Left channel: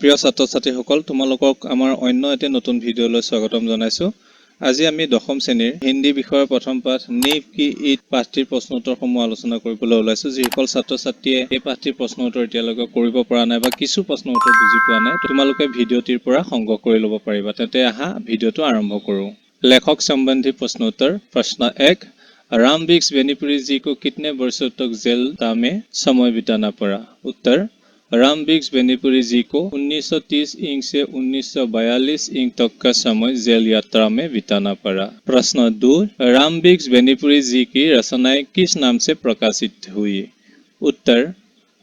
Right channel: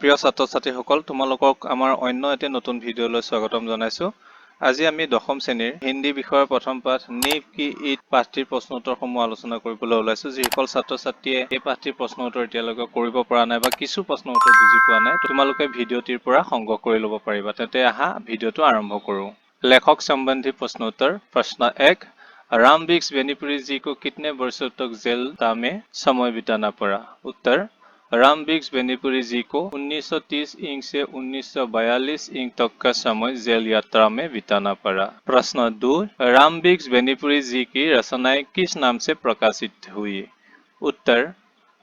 প্ৰিয় ছাত্ৰ-ছাত্ৰীসকল, তোমালোকক আমাৰ অন্য এটা নতুন ভিডিঅ'লৈ স্বাগতম জনাইছো। আজি আমি দশম শ্ৰেণীৰ হিন্দী বিষয়ৰ প্ৰথম পাঠ নীপ কি ঈদ পাঠটিৰ প্ৰশ্ন উত্তৰসমূহ আলোচনা কৰিবলৈ ওলাইছো। যিসকল ছাত্ৰ-ছাত্ৰীয়ে এই পাঠটিৰ প্ৰশ্ন উত্তৰ এতিয়ালৈকে কৰিব পৰা নাই বা কিছু প্ৰশ্ন উত্তৰ বুজি পোৱা নাই, তোমালোকে ভিডিঅ'টিৰ পৰা সংগ্ৰহ কৰি ল'ব পাৰিবা। তেন্তে আহা ভিডিঅ'টো আৰম্ভ কৰোঁ। लेखक संबंधी प्रश्नोत्तर। प्रश्न 1, राम वृक्ष बेनीपुरी जी को कितने वर्षों तक जेल में समय बिताना पड़ा? उत्तर, राम वृक्ष बेनीपुरी जी को 1930 इंक से 1942 इंक तक का समय जेल यात्रा में बिताना पड़ा। प्रश्न 2, राम वृक्ष बेनीपुरी जी की रचनाएं किस नाम से प्रकाशित हुई? उत्तर,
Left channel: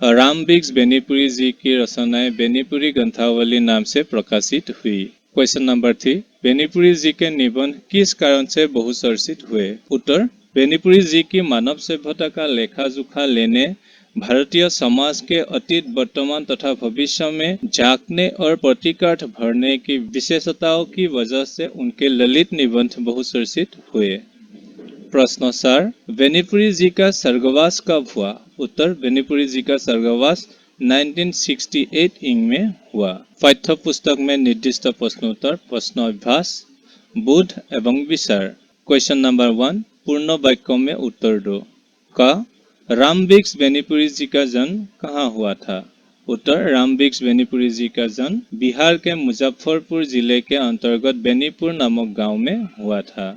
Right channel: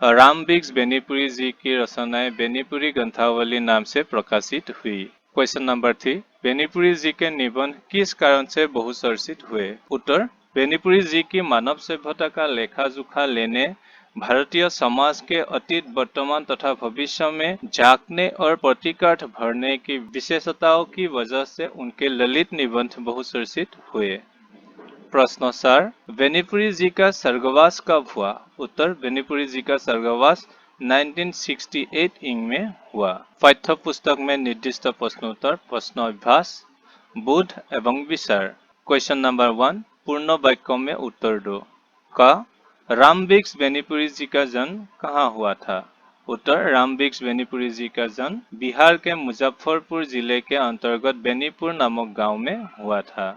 राम वृक्ष बेनीपुरी जी की रचनाएं बेनीपुरी ग्रंथावली नाम से प्रकाशित हुई। क्वेश्चन नंबर 3, बेनीपुरी जी के निबंध किस कारण से बहुचर्चित हुए? उत्तर, बेनीपुरी जी की मानव सभ्यता का लेखा जोखा लेने, भारतीय समाज के अतीत, वर्तमान तथा भविष्य में झांकने और प्रतीकार्थ भरने की विशेषताओं की वजह से उनके ललित निबंध बहुचर्चित हुए। प्रश्न 4, बेनीपुरी जी का स्वर्गवास कब हुआ? उत्तर, बेनीपुरी जी का स्वर्गवास 1968 इंग में हुआ। पाठ्य पुस्तक में निर्दिष्ट प्रश्नोत्तर, प्रश्न अभ्यास, बुध एवं विचार। क्वेश्चन नंबर 1, पूर्ण वाक्यों में उत्तर दो। क, राम वृक्ष बेनीपुरी जी का जन्म कहाँ हुआ था? उत्तर, राम वृक्ष बेनीपुरी जी का जन्म बिहार के मुजफ्फरपुर जिले के अंतर्गत बेनीपुर नामक गांव में हुआ था।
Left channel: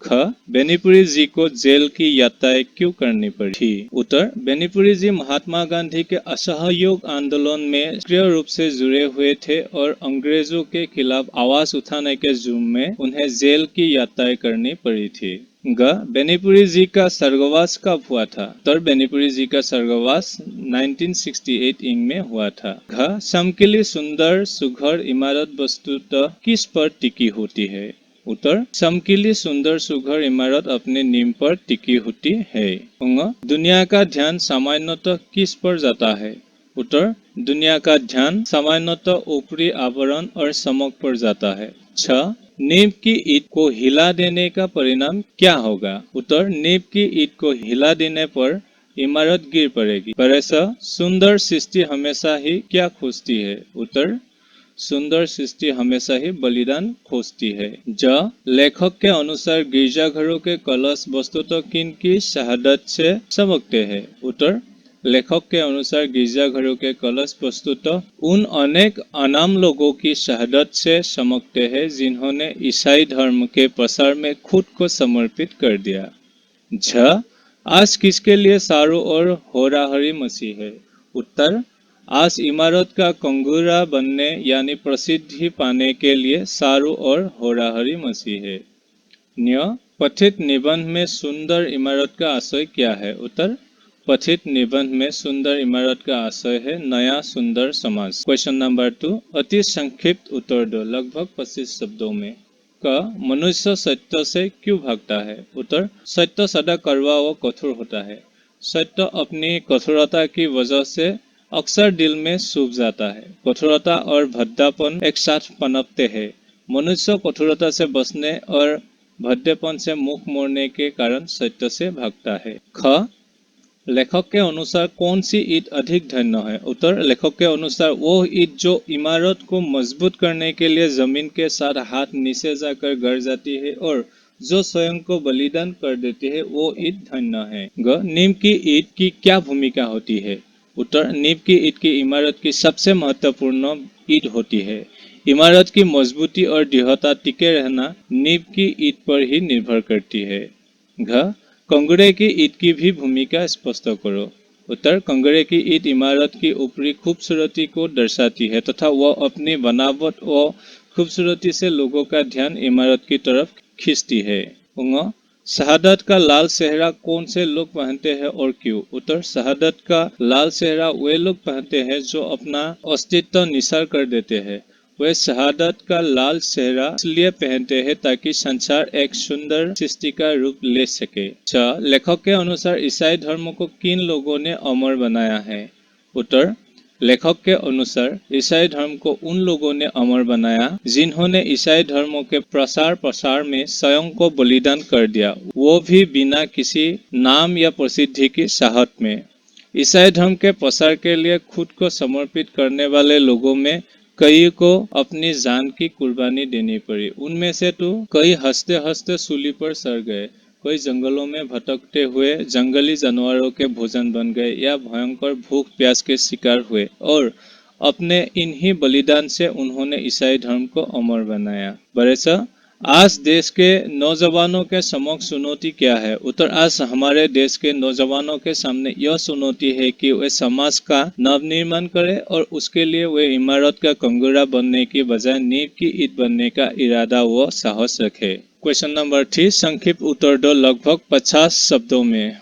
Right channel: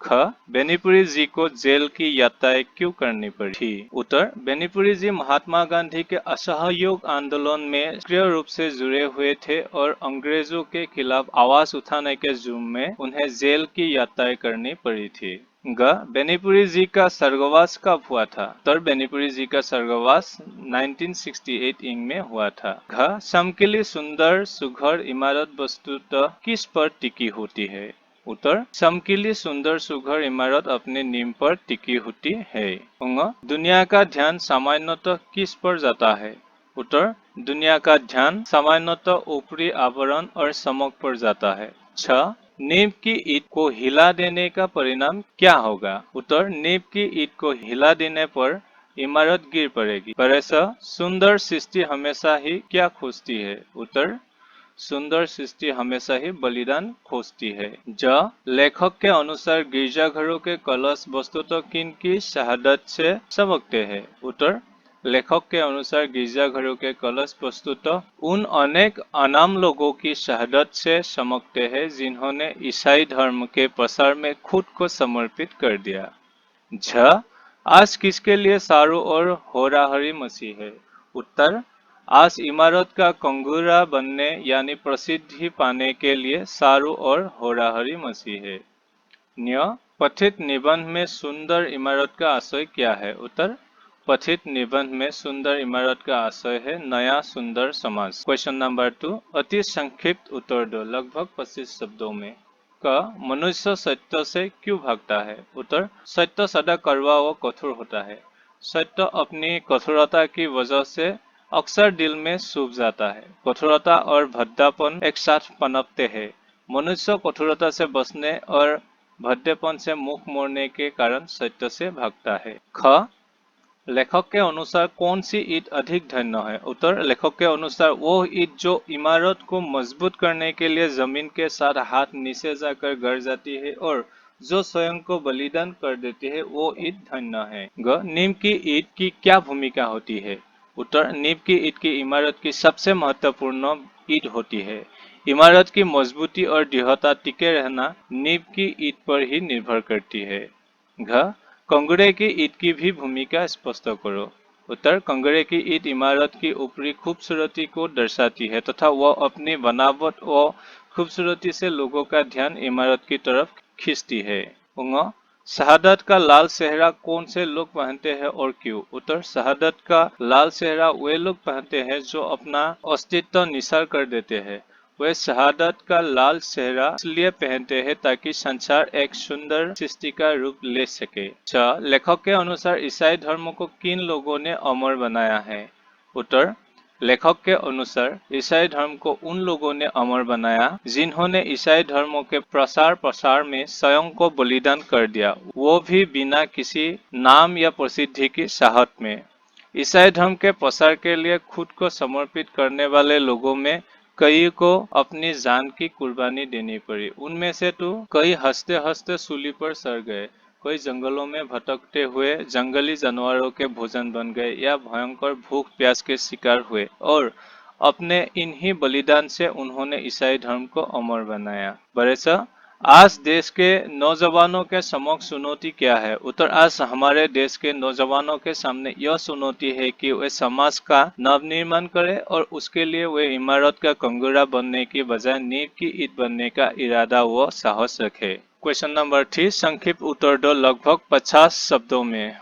ख, बेनीपुरी जी को जेल की यात्राएं क्यों करनी पड़ी? उत्तर, बेनीपुरी जी महात्मा गांधी के असहयोग आंदोलन में सक्रिय रूप से जुड़े हुए थे और अंग्रेजों के खिलाफ आवाज उठाने के जुर्म में उन्हें जेल की यात्राएं करनी पड़ी थी। ग, बेनीपुरी जी का स्वर्गवास कब हुआ था? उत्तर, बेनीपुरी जी का स्वर्गवास 1968 इंग में हुआ था। घ, चमकीली सुंदर सुघर इमारत वस्तुतः किस पर टिकी होती है? उत्तर, चमकीली सुंदर सुघर इमारत अपने नींव पर टिकी होती है। उंग, दुनिया का ध्यान सामान्यतः किस पर जाता है? उत्तर, दुनिया का ध्यान सामान्यतः ऊपरी आवरण और चमक पर जाता है। छ, नींव की ईंट को हिला देने का परिणाम क्या होगा? उत्तर, नींव की ईंट को हिला देने पर इमारत गिर पड़ेगी। सुंदर सृष्टि हमेशा ही क्या खोजती है? उत्तर, सुंदर सृष्टि हमेशा ही बलिदान खोजती है। ज, लेखक के अनुसार गिरजाघरों के कलश वस्तुतः किन की शहादत से चमकते हैं? उत्तर, लेखक के अनुसार गिरजाघरों के कलश वस्तुतः उन अनेक अनाम लोगों की शहादत से चमकते हैं जिन्होंने ईसाई धर्म के प्रसार में खुद को समर्पित कर दिया। झ, आज किसके लिए चारों ओर होराहरी मची है? उत्तर, आज इमारत का कंगूरा बनने यानी प्रसिद्धि पाने के लिए चारों ओर होराहरी मची है। न्य, पठित निबंध में सुंदर इमारत का आशय क्या है? उत्तर, पठित निबंध में सुंदर इमारत का आशय है नया सुंदर समाज। क्वेश्चन नंबर 2, अति संक्षिप्त उत्तर दो लगभग 25 शब्दों में। क, मनुष्य सत्य से क्यों भागता है? उत्तर, सत्य सदा कड़वा व कठोर होता है। सत्य अपनी कठोरता की वजह से अक्सर दिल में छुप जाता है। कठोरता और भद्दापन एक साथ पनपते हैं। मनुष्य कठोरता से बचने और भद्देपन से मुख मोड़ने के कारण सत्य से भागता है। ख, लेखक के अनुसार कौन सी ईंट अधिक धन्य है? उत्तर, लेखक के अनुसार वो ईंट जो इमारत को मजबूत करने के लिए जमीन के साथ हाथ नीचे जाकर गड़ जाती है और जो स्वयं को बलिदान कर देती है वो ईंट धन्य है। ग, नीम की ईंट की क्या भूमिका होती है? उत्तर, नींव की ईंट की इमारत की सबसे महत्वपूर्ण ईंट होती है। इमारत की मजबूती और दृढ़ता टिके रहना नींव की ईंट पर ही निर्भर करती है। घ, कंगूरे की ईंट की भी भूमिका स्पष्ट करो। उत्तर, कंगूरे की ईंट इमारत की ऊपरी खूबसूरती को दर्शाती है तथा वह अपनी बनावट व खूबसूरती से लोगों का ध्यान इमारत की तरफ खींचती है। उंग, शहादत का लाल सेहरा कौन से लोग पहनते हैं और क्यों? उत्तर, शहादत का लाल सेहरा वे लोग पहनते हैं जो अपना अस्तित्व निसार कर देते हैं। वे शहादत का लाल सेहरा इसलिए पहनते हैं ताकि संसार एक सुंदर सृष्टि का रूप ले सके। छ, लेखक के अनुसार ईसाई धर्म को किन लोगों ने अमर बनाया है? उत्तर, लेखक के अनुसार ईसाई धर्म को उन लोगों ने अमर बनाया जिन्होंने ईसाई धर्मों के प्रसार में स्वयं को बलिदान कर दिया, वो भी बिना किसी नाम या प्रसिद्धि की चाहत में। ईसाई धर्म के प्रसार के लिए खुद को समर्पित करने वाले लोगों में कई को अपनी जान की कुर्बानी देनी पड़ी। उनमें से तो कई हंसते हंसते सूली पर सड़ गए, कोई जंगलों में भटकते हुए जंगली जानवरों के भोजन बन गए या भयंकर भूख प्यास के शिकार हुए, और अपने इन्हीं बलिदान से उन्होंने ईसाई धर्म को अमर बनाया। बरेसा, आज देश के नौजवानों के समक्ष चुनौती क्या है? उत्तर, आज हमारे देश के नौजवानों के सामने यह चुनौती है कि वे समाज का नवनिर्माण करें और उसके लिए वे इमारत का कंगूरा बनने की बजाय नींव की ईंट बनने का इरादा व साहस रखें। क्वेश्चन नंबर 3, संक्षिप्त उत्तर दो लगभग 50 शब्दों में।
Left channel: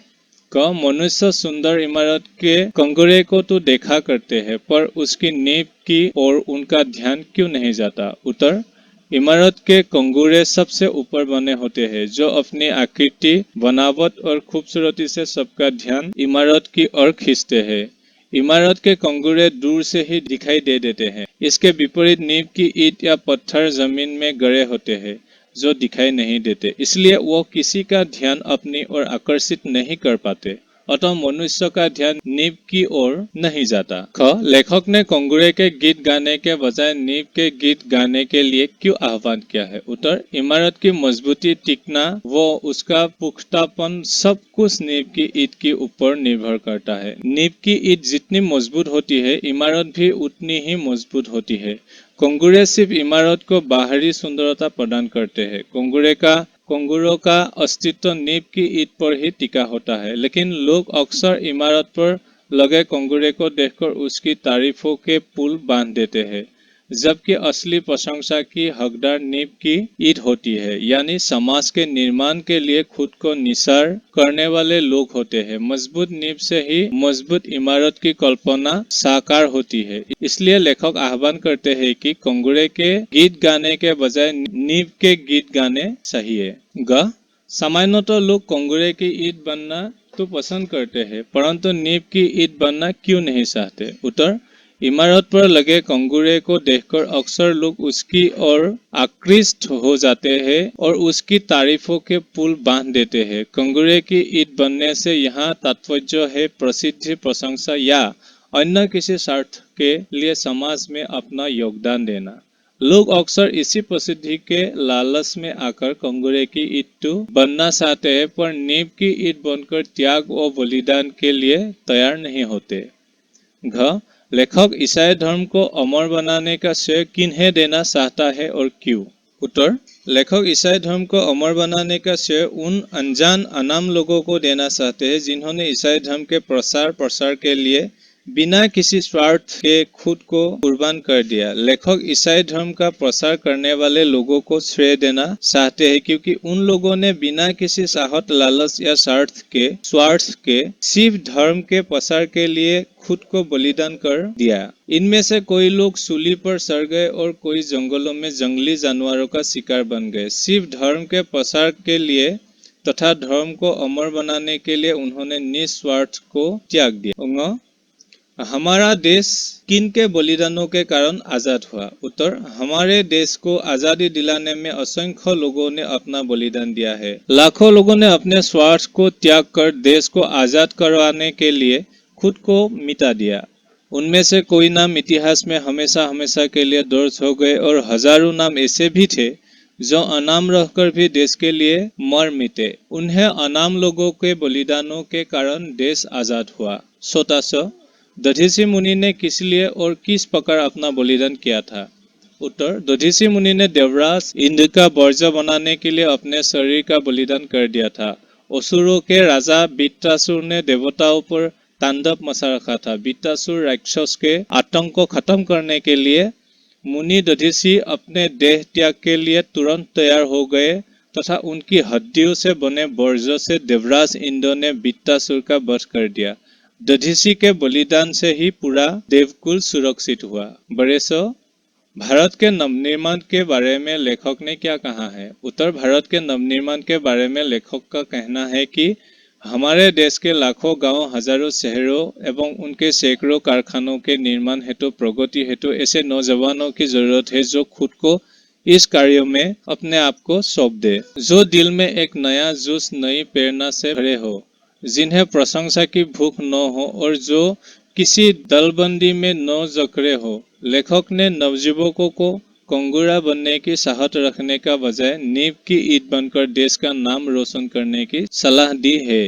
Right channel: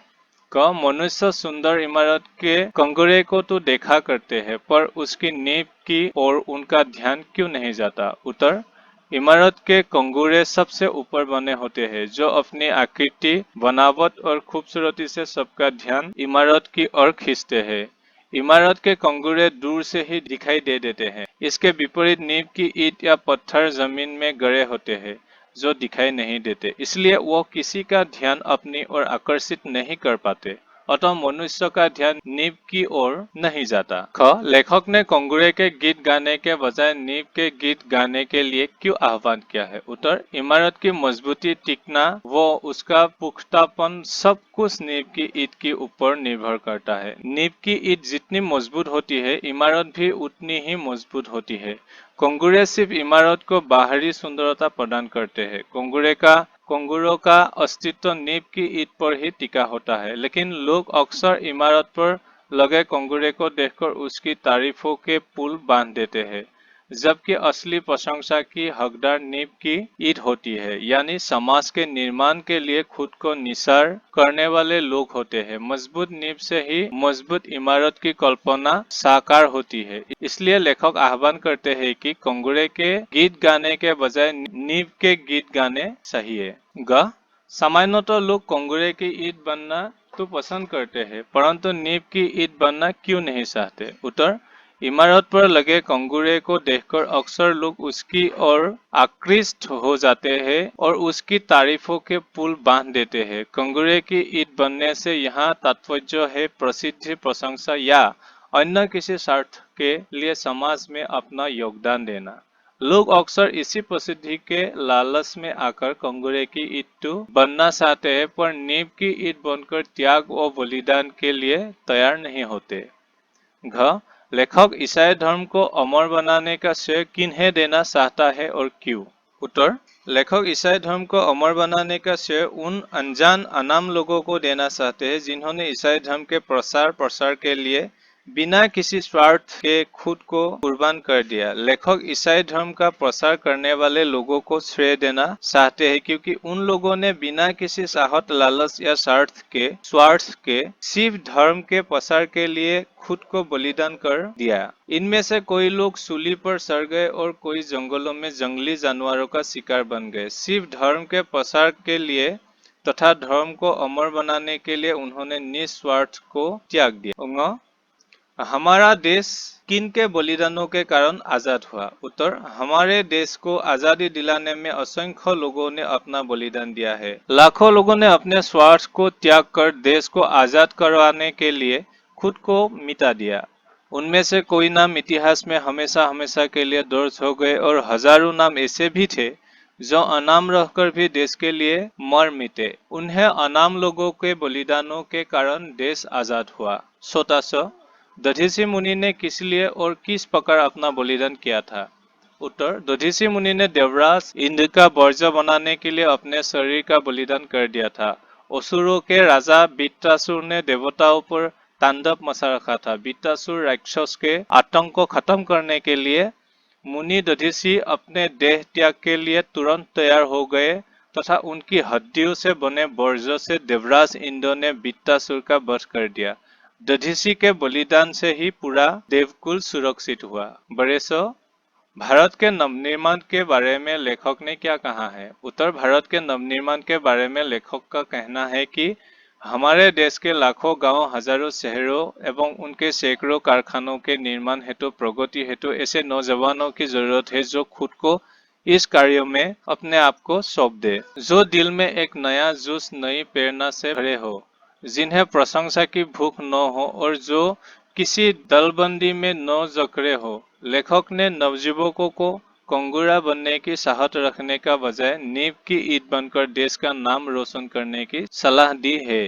क, मनुष्य सुंदर इमारत के कंगूरे को तो देखा करते हैं, पर उसकी नींव की ओर उनका ध्यान क्यों नहीं जाता? उत्तर, इमारत के कंगूरे सबसे ऊपर बने होते हैं, जो अपनी आकृति, बनावट और खूबसूरती से सबका ध्यान इमारत की ओर खींचते हैं। इमारत के कंगूरे दूर से ही दिखाई दे देते हैं। इसके विपरीत नींव की ईंट या पत्थर जमीन में गड़े होते हैं, जो दिखाई नहीं देते, इसलिए वो किसी का ध्यान अपनी ओर आकर्षित नहीं कर पाते। अतः मनुष्य का ध्यान नींव की ओर नहीं जाता। ख, लेखक ने कंगूरे के गीत गाने के बजाय नींव के गीत गाने के लिए क्यों आह्वान किया है? उत्तर, इमारत की मजबूती, टिकना व उसका पुख्तापन सब कुछ नींव की ईंट के ऊपर निर्भर करता है। नींव की ईंट जितनी मजबूत होती है, इमारत भी उतनी ही मजबूत होती है। कंगूरे सिर्फ इमारत को बाहरी सुंदरता प्रदान करते हैं। कंगूरों का अस्तित्व नींव की ईंट पर ही टिका होता है, लेकिन लोग अक्सर इमारत पर लगे कंगूरे को देखकर उसकी तारीफों के पुल बांध देते हैं, जबकि असली प्रशंसा की हकदार नींव की ईंट होती है, यानी समाज के निर्माण के लिए खुद को निसार करने वाले लोग होते हैं। मजबूत नींव से ही मजबूत इमारत की कल्पना साकार होती है। इसलिए लेखक आह्वान करते हैं कि कंगूरे के गीत गाने के बजाय नींव के गीत गाने चाहिए। ग, सामान्यतः लोग कंगूरे की ईंट बनना तो पसंद करते हैं, परंतु नींव की ईंट बनना क्यों नहीं चाहते? उत्तर, इमारत पर लगे कंगूरे को देखकर अक्सर लोग उसकी ओर आकृष्ट हो जाते हैं और उसकी तारीफों के पुल बांध देते हैं। कंगूरे की ईंट बनने से यहाँ तात्पर्य है प्रसिद्धि, प्रशंसा या अन्य किसी स्वार्थ के लिए समाज में अपना योगदान देना। लोग अक्सर इसी प्रसिद्धि के लालच में आकर कंगूरे की ईंट तो बनना चाहते हैं, पर नींव की ईंट बनकर त्याग और बलिदान के लिए तैयार नहीं होते। घ, लेखक ईसाई धर्म को अमर बनाने का श्रेय किन्हें देना चाहता है और क्यों? उत्तर, लेखक ईसाई धर्म को अमर बनाने का श्रेय उन अनजान अनाम लोगों को देना चाहते हैं जिन्होंने ईसाई धर्म के प्रसार के लिए बिना किसी स्वार्थ के खुद को कुर्बान कर दिया। लेखक ईसाई धर्म का प्रसार करने वाले लोगों को श्रेय देना चाहते हैं क्योंकि उन लोगों ने बिना किसी चाहत, लालच या स्वार्थ के सिर्फ धर्म के प्रसार के लिए खुद को बलिदान कर दिया। इनमें से कोई लोग सूली पर सड़ गए और कोई जंगलों में जंगली जानवरों का शिकार बन गए। सिर्फ धर्म के प्रसार के लिए तथा धर्म को अमर बनाने के लिए उन्होंने निस्वार्थ को त्याग दिया। हमारा देश किन के बलिदानों के कारण आजाद हुआ? उत्तर, हमारे देश को आजादी दिलाने में असंख्य लोगों ने अपना बलिदान दिया है। लाखों लोगों ने अपने स्वार्थ को त्याग कर देश को आजाद करवाने के लिए खुद को मिटा दिया। उनमें से कोई नाम इतिहास में हमेशा हमेशा के लिए दर्ज हो गए और हजारों नाम ऐसे भी थे जो अनाम रहकर भी देश के लिए मर मिटे। उन्हें अनाम लोगों के बलिदानों के कारण देश आजाद हुआ। छोटा दधीचि मुनि ने किस लिए और किस प्रकार अपना बलिदान किया था? उत्तर, दधीचि मुनि ने देवराज इंद्र का वर्ज्य बनाने के लिए अपने शरीर का बलिदान कर दिया था। असुरों के राजा वृत्रासुर ने देवताओं पर तांडव मचा रखा था। वृत्रासुर राक्षस के आतंक को खत्म करने के लिए मुनि दधीचि अपने देह त्याग के लिए तुरंत तैयार हो गए तथा उनकी हड्डियों से बने वर्ज्य से देवराज इंद्र ने वृत्रासुर का वध कर दिया। दधीचि के बलिदान से ही पूरा देवकुल सुरक्षित हुआ। बरेसो, भारत के नवनिर्माण के बारे में लेखक ने क्या कहा है? उत्तर, भारत के नवनिर्माण के बारे में लेखक का कहना है कि हमारे देश के लाखों गांव, हजारों शहरों एवं उनके सैकड़ों कारखानों के निर्माण हेतु, प्रगति हेतु ऐसे नौजवानों की जरूरत है जो खुद को इस कार्य में अपने आप को सौंप दे, जो दिल में एक नया जोश, नई प्रेरणा से भरे हो, जिन्हें प्रशंसा की भूख न हो और जो किसी दलबंदी में न जकड़े हो। लेखक ने नवयुवकों को कंगूरा बनने की साहस रखने का बजाय नींव की ईंट बनकर देश का नाम रोशन करने की सलाह दी है।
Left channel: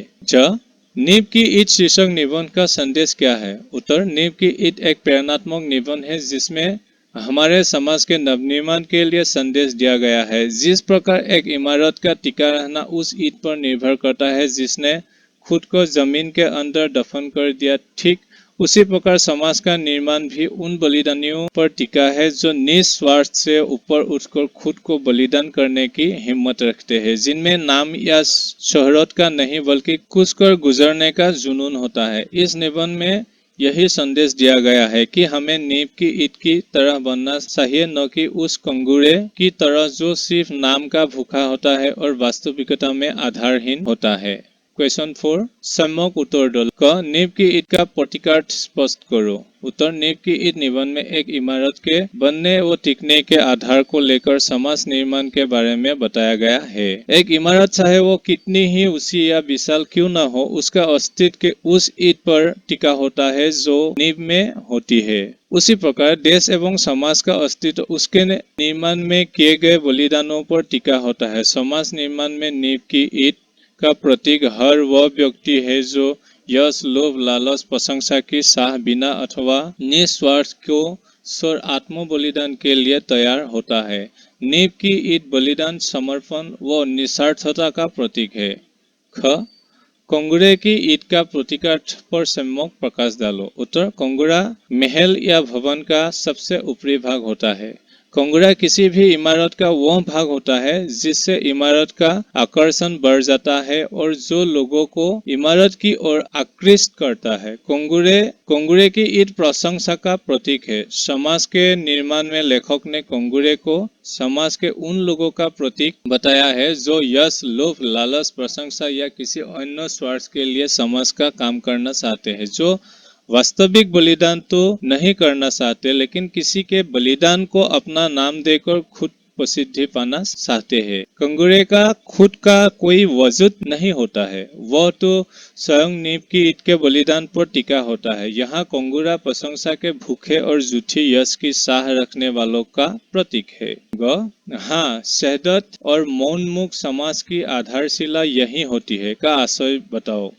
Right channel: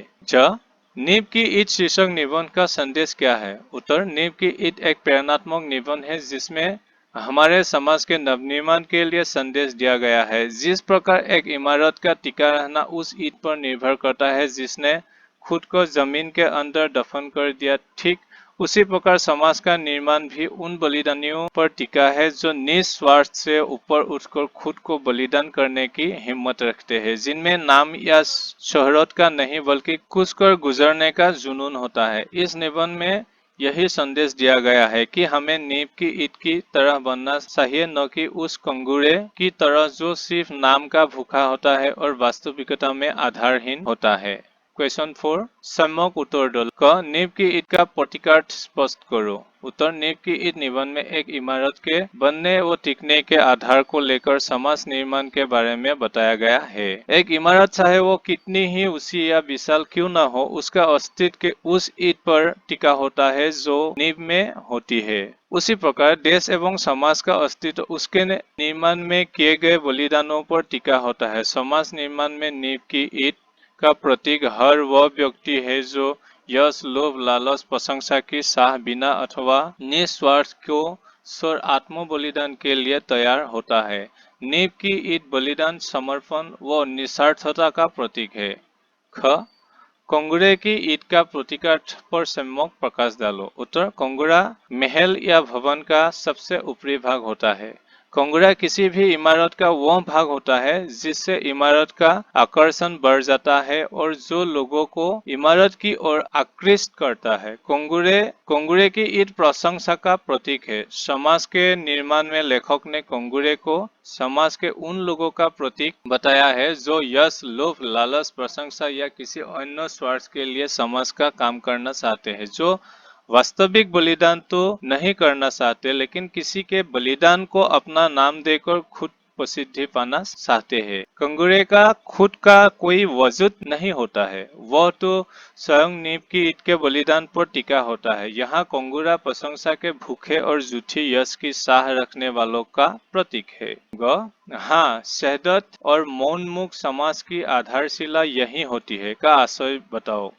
नींव की ईंट शीर्षक निबंध का संदेश क्या है? उत्तर, नींव की ईंट एक प्रेरणात्मक निबंध है जिसमें हमारे समाज के नवनिर्माण के लिए संदेश दिया गया है। जिस प्रकार एक इमारत का टिका रहना उस ईंट पर निर्भर करता है जिसने खुद को जमीन के अंदर दफन कर दिया, ठीक उसी प्रकार समाज का निर्माण भी उन बलिदानियों पर टिका है जो निस्वार्थ से ऊपर उठकर खुद को बलिदान करने की हिम्मत रखते हैं, जिनमें नाम या शोहरत का नहीं बल्कि कुछ कर गुजरने का जुनून होता है। इस निबंध में यही संदेश दिया गया है कि हमें नींव की ईंट की तरह बनना चाहिए, न कि उस कंगूरे की तरह जो सिर्फ नाम का भूखा होता है और वास्तविकता में आधारहीन होता है। क्वेश्चन 4, सम्यक उत्तर दो। क, नींव की ईंट का प्रतीकार्थ स्पष्ट करो। उत्तर, नींव की ईंट निबंध में एक इमारत के बनने व टिकने के आधार को लेकर समाज निर्माण के बारे में बताया गया है। एक इमारत चाहे वो कितनी ही ऊंची या विशाल क्यों न हो, उसका अस्तित्व उस ईंट पर टिका होता है जो नींव में होती है। उसी प्रकार देश एवं समाज का अस्तित्व उसके निर्माण में किए गए बलिदानों पर टिका होता है। समाज निर्माण में नींव की ईंट का प्रतीक हर वह व्यक्ति है जो यश, लोभ, लालच, प्रशंसा की चाह बिना अथवा निस्वार्थ को स्वर आत्म बलिदान के लिए तैयार होता है। नींव की ईंट बलिदान, समर्पण व निस्वार्थता का प्रतीक है। ख, कंगूरे की ईंट का प्रतीकार्थ पर सम्यक प्रकाश डालो। उत्तर, कंगूरा महल या भवन का सबसे ऊपरी भाग होता है। कंगूरा किसी भी इमारत का वह भाग होता है जिससे इमारत का आकर्षण बढ़ जाता है और जो लोगों को इमारत की ओर आकृष्ट करता है। कंगूरे की ईंट प्रशंसा का प्रतीक है। समाज के निर्माण में लेखक ने कंगूरे को समाज के उन लोगों का प्रतीक बताया है जो यश, लोभ, लालच, प्रशंसा या किसी अन्य स्वार्थ के लिए समाज का काम करना चाहते हैं, जो वास्तविक बलिदान तो नहीं करना चाहते लेकिन किसी के बलिदान को अपना नाम देकर खुद प्रसिद्धि पाना चाहते हैं। कंगूरे का खुद का कोई वजूद नहीं होता है, वह तो स्वयं नींव की ईंट के बलिदान पर टिका होता है। यहाँ कंगूरा प्रशंसा के भूखे और झूठी यश की चाह रखने वालों का प्रतीक है। हाँ, शहदत और मौनमुख समाज की आधारशिला यही होती है का आशय बताओ।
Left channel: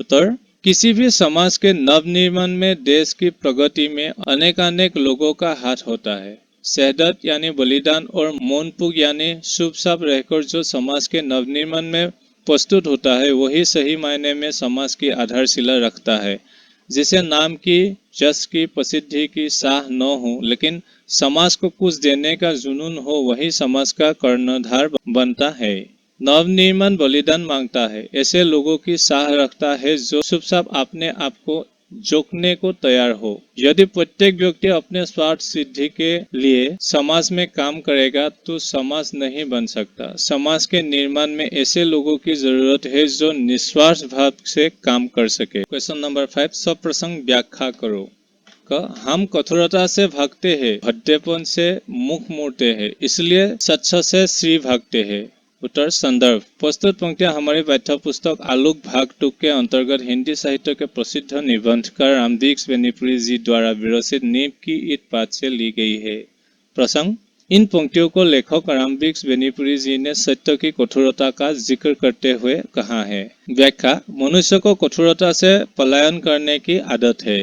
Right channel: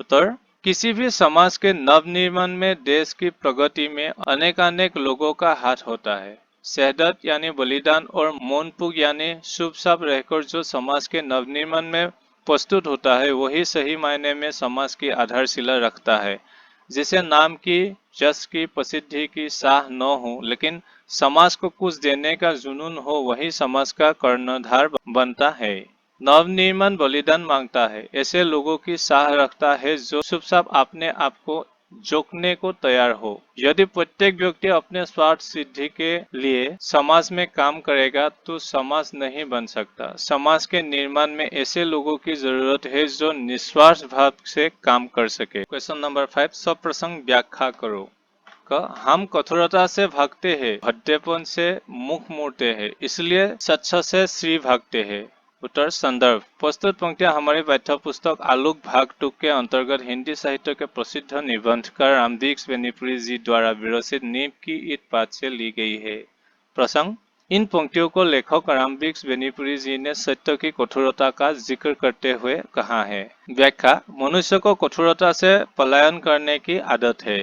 उत्तर, किसी भी समाज के नवनिर्माण में देश की प्रगति में अनेकानेक लोगों का हाथ होता है। शहदत यानी बलिदान और मौनपुक यानी चुपचाप रहकर जो समाज के नवनिर्माण में प्रस्तुत होता है वही सही मायने में समाज की आधारशिला रखता है। जिसे नाम की, यश की, प्रसिद्धि की चाह न हो लेकिन समाज को कुछ देने का जुनून हो, वही समाज का कर्णधार बनता है। नवनिर्माण बलिदान मांगता है, ऐसे लोगों की चाह रखता है जो चुपचाप अपने आप को जोखने को तैयार हो। यदि प्रत्येक व्यक्ति अपने स्वार्थ सिद्धि के लिए समाज में काम करेगा तो समाज नहीं बन सकता। समाज के निर्माण में ऐसे लोगों की जरूरत है जो निस्वार्थ भाव से काम कर सके। क्वेश्चन नंबर 5, सब प्रसंग व्याख्या करो। हम कठोरता से भागते हैं, भद्देपन से मुख मोड़ते हैं, इसलिए सच्च से श्री भागते हैं। उत्तर, संदर्भ। प्रस्तुत पंक्तियां हमारी पाठ्य पुस्तक आलोक भाग 2 के अंतर्गत हिंदी साहित्य के प्रसिद्ध निबंधकार रामवृक्ष बेनीपुरी जी द्वारा विरचित नींव की ईंट पाठ से ली गई है। प्रसंग, इन पंक्तियों को लेखक रामवृक्ष बेनीपुरी जी ने सत्य की कठोरता का जिक्र करते हुए कहा है। व्याख्या, मनुष्य को कठोरता से पलायन करने की आदत है।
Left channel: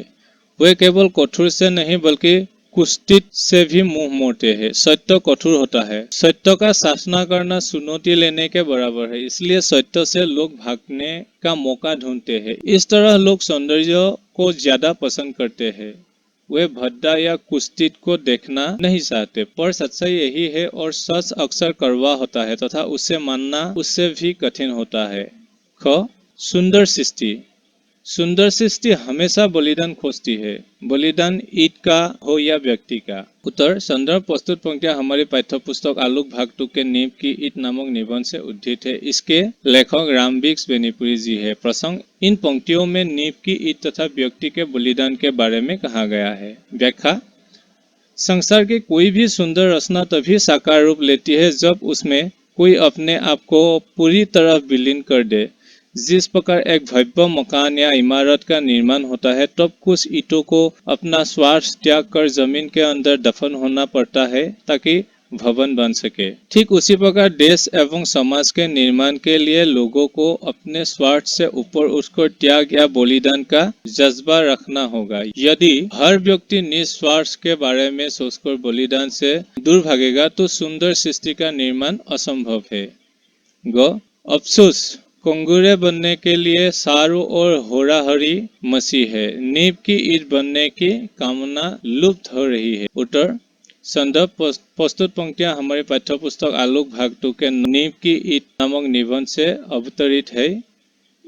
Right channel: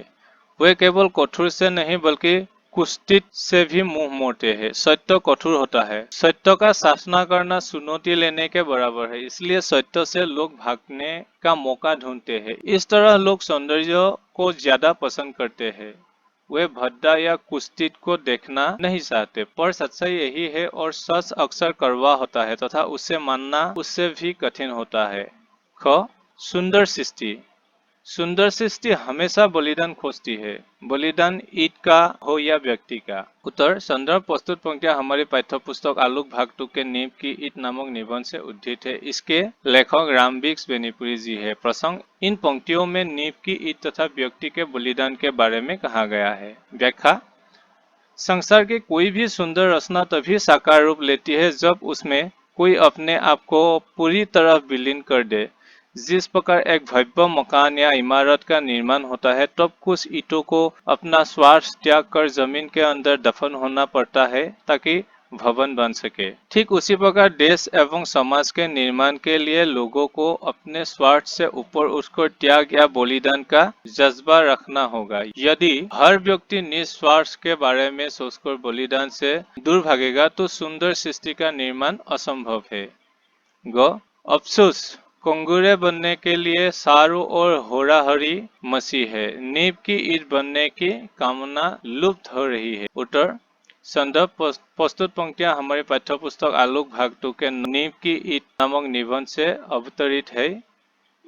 वे केवल कठोर से नहीं बल्कि कुत्सित से भी मुंह मोड़ते हैं। सत्य कठोर होता है। सत्य का साधना करना चुनौती लेने के बराबर है, इसलिए सत्य से लोग भागने का मौका ढूंढते हैं। इस तरह लोग सौंदर्य को ज्यादा पसंद करते हैं। वे भद्दा या कुत्सित को देखना नहीं चाहते, पर सच्चाई यही है और सच अक्सर कड़वा होता है तथा उसे मानना उससे भी कठिन होता है। ख, सुंदर सृष्टि। सुंदर सृष्टि हमेशा बलिदान खोजती है, बलिदान ईंट का हो या व्यक्ति का। उत्तर, संदर्भ प्रस्तुत पंक्तियां हमारी पाठ्य पुस्तक आलोक भाग 2 के नींव की ईंट नामक निबंध से उद्धृत है। इसके लेखक रामवृक्ष बेनीपुरी जी है। प्रसंग, इन पंक्तियों में नींव की ईंट तथा व्यक्ति के बलिदान के बारे में कहा गया है। व्याख्या, संसार की कोई भी सुंदर रचना तभी साकार रूप लेती है जब उसमें कोई अपने आप को पूरी तरह विलीन कर दे। जिस प्रकार एक भव्य मकान या इमारत का निर्माण होता है तब कुछ ईंटों को अपना स्वार्थ त्याग कर जमीन के अंदर दफन होना पड़ता है ताकि भवन बन सके। ठीक उसी प्रकार देश एवं समाज के निर्माण के लिए लोगों को अपने स्वार्थ से ऊपर उठकर त्याग या बलिदान का जज्बा रखना होगा। यदि हर व्यक्ति निस्वार्थ के बारे में सोचकर बलिदान से दूर भागेगा तो सुंदर सृष्टि का निर्माण असंभव है। ग अफसोस, कंगूरे बनने के लिए चारों ओर होराहरी मची है। नींव की ईंट बनने की कामना लुप्त हो रही है। उत्तर संदर्भ प्रस्तुत पंक्तियां हमारे पाठ्यपुस्तक आलोक भाग 2 के नींव की ईंट नामक निबंध से अवतरित है।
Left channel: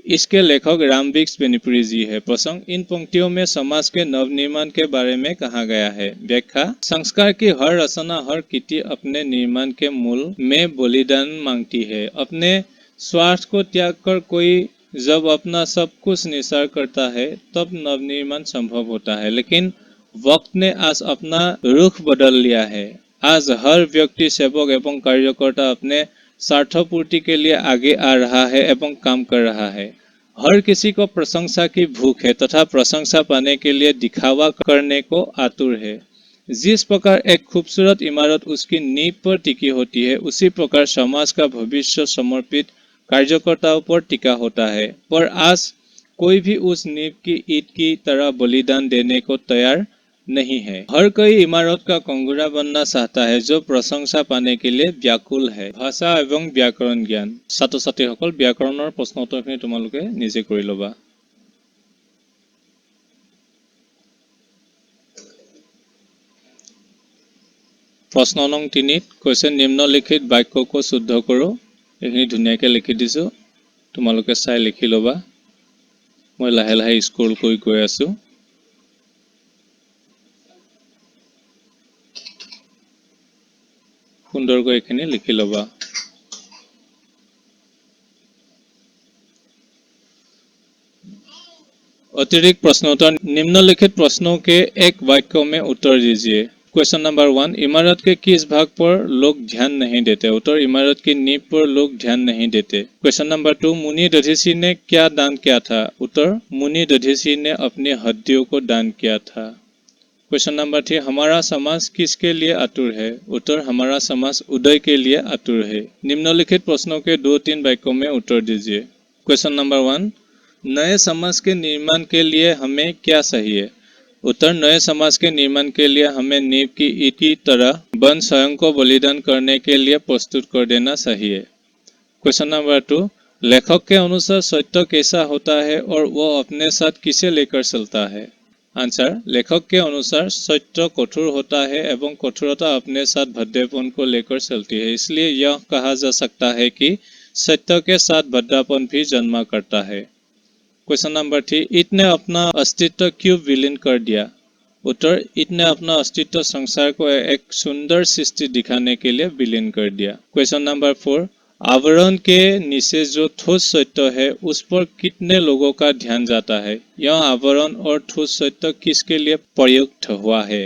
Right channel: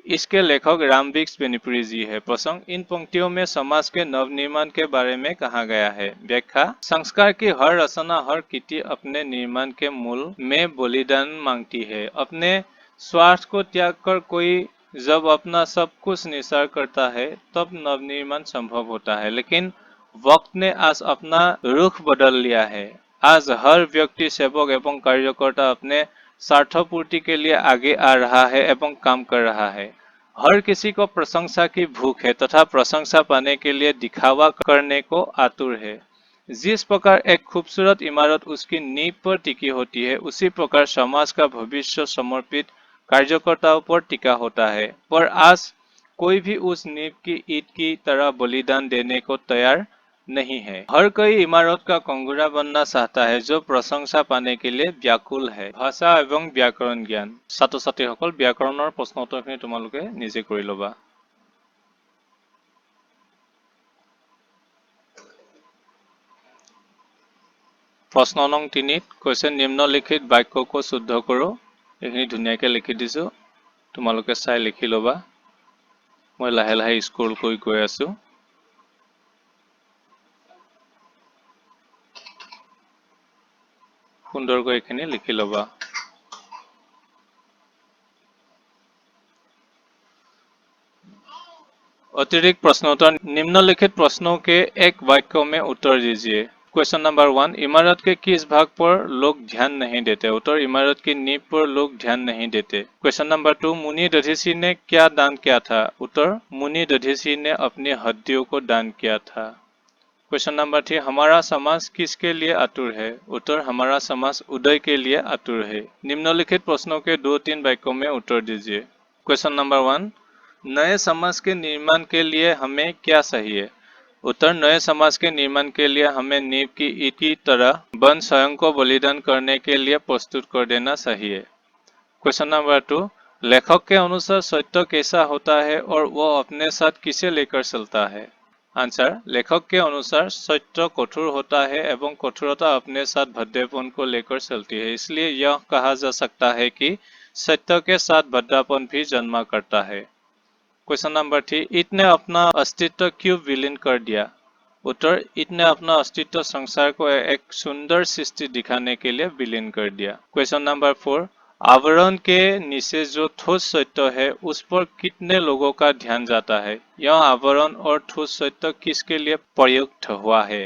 इसके लेखक रामविक्स बेनीपुरी जी है। प्रसंग, इन पंक्तियों में समाज के नवनिर्माण के बारे में कहा गया है। व्याख्या, संस्कार की हर रचना, हर कृति अपने निर्माण के मूल में बलिदान मांगती है। अपने स्वार्थ को त्याग कर कोई जब अपना सब कुछ निसार करता है तब नवनिर्माण संभव होता है। लेकिन वक्त ने आज अपना रुख बदल लिया है। आज हर व्यक्ति, सेवक एवं कार्यकर्ता अपने स्वार्थपूर्ति के लिए आगे आ रहा है एवं काम कर रहा है। हर किसी को प्रशंसा की भूख है तथा प्रशंसा पाने के लिए दिखावा करने को आतुर है। जिस प्रकार एक खूबसूरत इमारत उसकी नींव पर टिकी होती है, उसी प्रकार समाज का भविष्य समर्पित कार्यकर्ताओं पर टिका होता है। पर आज कोई भी उस नींव की ईंट की तरह बलिदान देने को तैयार नहीं है। हर कोई इमारत का कंगूरा बनना चाहता है जो प्रशंसा पाने के लिए व्याकुल है। भाषा एवं व्याकरण ज्ञान। ছাত্ৰ ছাত্ৰীসকল, ব্যাকৰণৰ প্ৰশ্ন উত্তৰখিনি তোমালোকে নিজে কৰি ল'বা। প্ৰশ্ন নং 3 কৈছে নিম্নলিখিত বাক্যको শুদ্ধ करो। এইখিনি ধুনীয়াকৈ লিখি দিছো, তোমালোকে চাই লিখি ল'বা। মই লাহে লাহে স্ক্ৰল কৰি গৈ আছো। সুন্দৰকৈ এইখিনি লিখি ল'বা। अतिरिक्त प्रश्नोत्तर, निम्नलिखित प्रश्नों के एक वाक्य में उत्तर दीजिए। क्वेश्चन नंबर 1, इमारत के किस भाग पर लोग ध्यान नहीं देते? उत्तर, इमारत की नींव पर लोग ध्यान नहीं देते। क्वेश्चन नंबर 2, मुनि दधीचि ने क्या दान किया था? उत्तर, मुनि दधीचि ने अपनी हड्डियों को दान किया था। क्वेश्चन नंबर 3, हमारा समाज किसके लिए आतुर है? उत्तर, हमारा समाज उदय के लिए आतुर है। निम्नलिखित प्रश्नों के 2-3 वाक्यों में उत्तर दीजिए। क्वेश्चन नंबर 1, नए समाज के निर्माण के लिए हमें क्या चाहिए? उत्तर, नए समाज के निर्माण के लिए हमें नींव की ईंट की तरह बन स्वयं को बलिदान करने के लिए प्रस्तुत कर देना चाहिए। क्वेश्चन नंबर 2, लेखक के अनुसार सत्य कैसा होता है और वह अपने साथ किसे लेकर चलता है? आंसर, लेखक के अनुसार सत्य कठोर होता है एवं कठोरता अपने साथ भद्देपन को लेकर चलती है। इसलिए यह कहा जा सकता है कि सत्य के साथ भद्दापन भी जन्मा करता है। क्वेश्चन नंबर 3, ईंट ने अपना अस्तित्व क्यों विलीन कर दिया? उत्तर, ईंट ने अपना अस्तित्व संसार को एक सुंदर सृष्टि दिखाने के लिए विलीन कर दिया। क्वेश्चन नंबर 4, आवरण के नीचे जो ठोस सत्य है उस पर कितने लोगों का ध्यान जाता है? यह आवरण और ठोस सत्य किसके लिए प्रयुक्त हुआ है?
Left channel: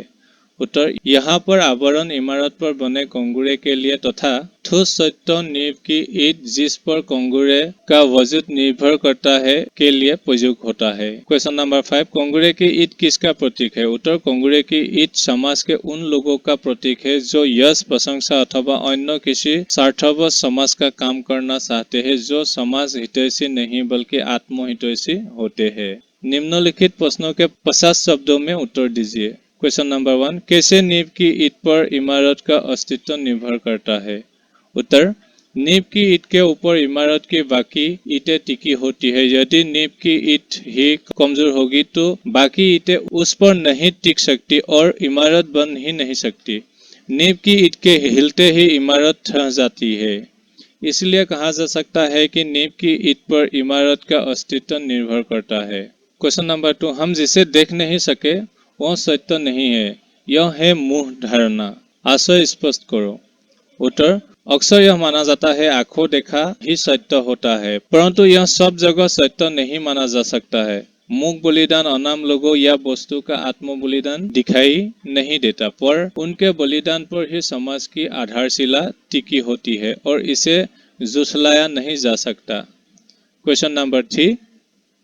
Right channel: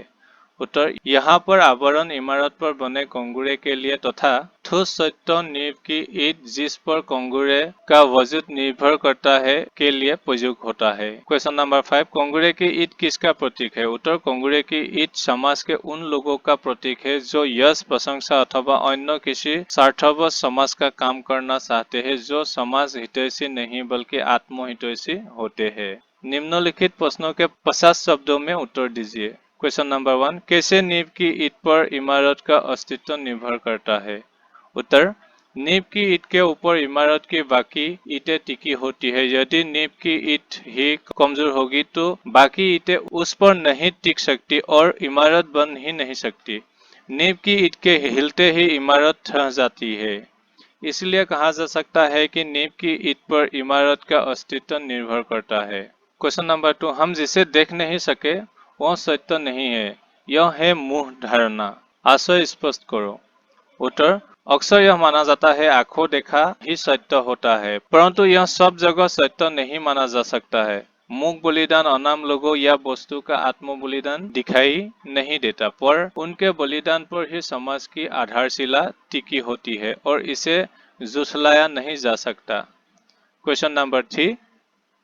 उत्तर, यहाँ पर आवरण इमारत पर बने कंगूरे के लिए तथा ठोस सत्य नींव की ईंट जिस पर कंगूरे का वजूद निर्भर करता है के लिए प्रयुक्त होता है। क्वेश्चन नंबर 5, कंगूरे की ईंट किसका प्रतीक है? उत्तर, कंगूरे की ईंट समाज के उन लोगों का प्रतीक है जो यश, प्रशंसा अथवा अन्य किसी स्वार्थवश समाज का काम करना चाहते हैं, जो समाज हितैषी नहीं बल्कि आत्महितैषी होते हैं। निम्नलिखित प्रश्नों के 50 शब्दों में उत्तर दीजिए। क्वेश्चन नंबर 1, कैसे नींव की ईंट पर इमारत का अस्तित्व निर्भर करता है? उत्तर, नींव की ईंट के ऊपर इमारत की बाकी ईंटें टिकी होती है। यदि नींव की ईंट ही कमजोर होगी तो बाकी ईंटें उस पर नहीं टिक सकती और इमारत बन ही नहीं सकती। नींव की ईंट के हिलते ही इमारत ढह जाती है। इसलिए कहा जा सकता है कि नींव की ईंट पर इमारत का अस्तित्व निर्भर करता है। क्वेश्चन नंबर 2, हम जिसे देख नहीं सके वह सत्य नहीं है, यह है मूढ़ धारणा। आशय स्पष्ट करो। उत्तर, अक्सर यह माना जाता है आंखों देखा ही सत्य होता है, परंतु यह सब जगह सत्य नहीं माना जा सकता है। मूक बलिदान अनाम लोगों या वस्तु का आत्म बलिदान दिखाई नहीं देता, पर उनके बलिदान पर ही समाज की आधारशिला टिकी होती है और इसे झुठलाया नहीं जा सकता। क्वेश्चन नंबर 3,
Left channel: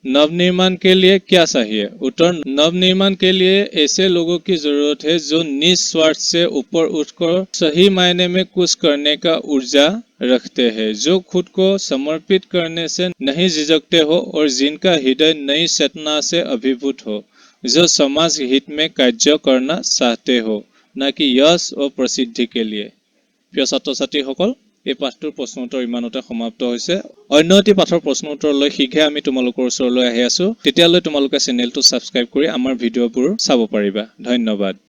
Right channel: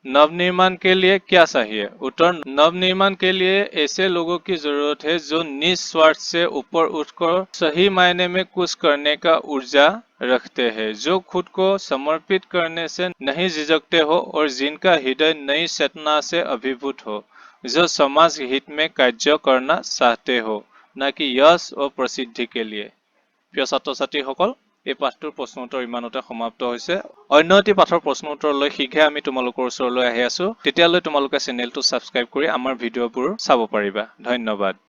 नवनिर्माण के लिए क्या चाहिए? उत्तर, नवनिर्माण के लिए ऐसे लोगों की जरूरत है जो निस्वार्थ से ऊपर उठकर सही मायने में कुछ करने का ऊर्जा रखते हैं, जो खुद को समर्पित करने से नहीं झिझकते हो और जिनका हृदय नई चेतना से अभिभूत हो, जो समाज हित में कार्य करना चाहते हो, न कि यश और प्रसिद्धि के लिए। প্ৰিয় ছাত্ৰ ছাত্ৰীসকল, এই পাঠটোৰ প্ৰশ্ন উত্তৰ ইমানতে সমাপ্ত হৈছে। অন্য এটি পাঠৰ প্ৰশ্ন উত্তৰলৈ শীঘ্ৰে আমি তোমালোকৰ ওচৰলৈ আহি আছো। তেতিয়ালৈ তোমালোকে চেনেলটো ছাবস্ক্ৰাইব কৰি আমাৰ ভিডিঅ'বোৰ চাব পাৰিবা। ধন্যবাদ।